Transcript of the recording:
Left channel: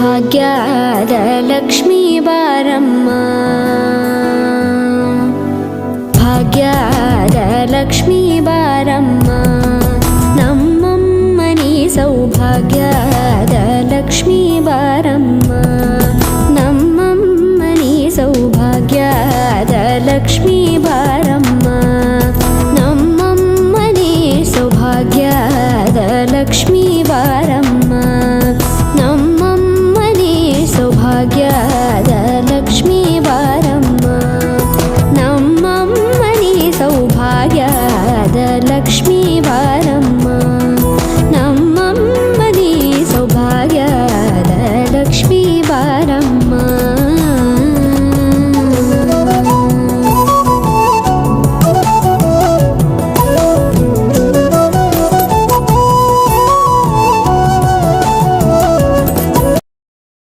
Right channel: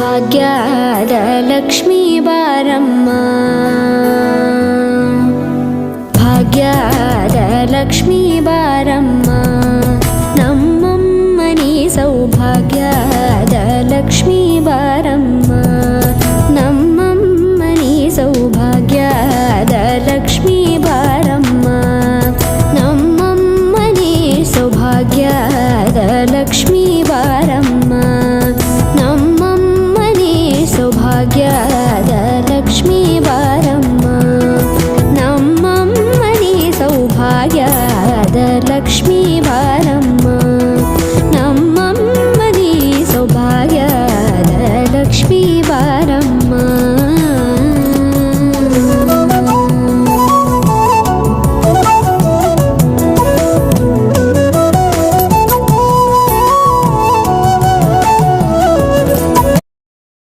ಸೌಭಾಗ್ಯದ ಲಕ್ಷ್ಮೀ ಬಾರಮ್ಮ ಭಾಗ್ಯದ ಲಕ್ಷ್ಮೀ ಬಾರಮ್ಮ ನಮ್ಮಮ್ಮನಿ ಸೌಭಾಗ್ಯದ ಲಕ್ಷ್ಮೀ ಬಾರಮ್ಮ ನಮ್ಮಮ್ಮನಿ ಸೌಭಾಗ್ಯದ ಲಕ್ಷ್ಮೀ ಬಾರಮ್ಮ ನಮ್ಮಮ್ಮನಿ ಸೌಭಾಗ್ಯದ ಲಕ್ಷ್ಮೀ ಬಾರಮ್ಮ ನಮ್ಮಮ್ಮನಿ ಸೌಭಾಗ್ಯದ ಲಕ್ಷ್ಮೀ ಬಾರಮ್ಮ ನಮ್ಮಮ್ಮನಿ ಸೌಭಾಗ್ಯದ ಲಕ್ಷ್ಮೀ ಬಾರಮ್ಮ ನಮ್ಮಮ್ಮನಿ ಸೌಭಾಗ್ಯದ ಲಕ್ಷ್ಮೀ ಬಾರಮ್ಮ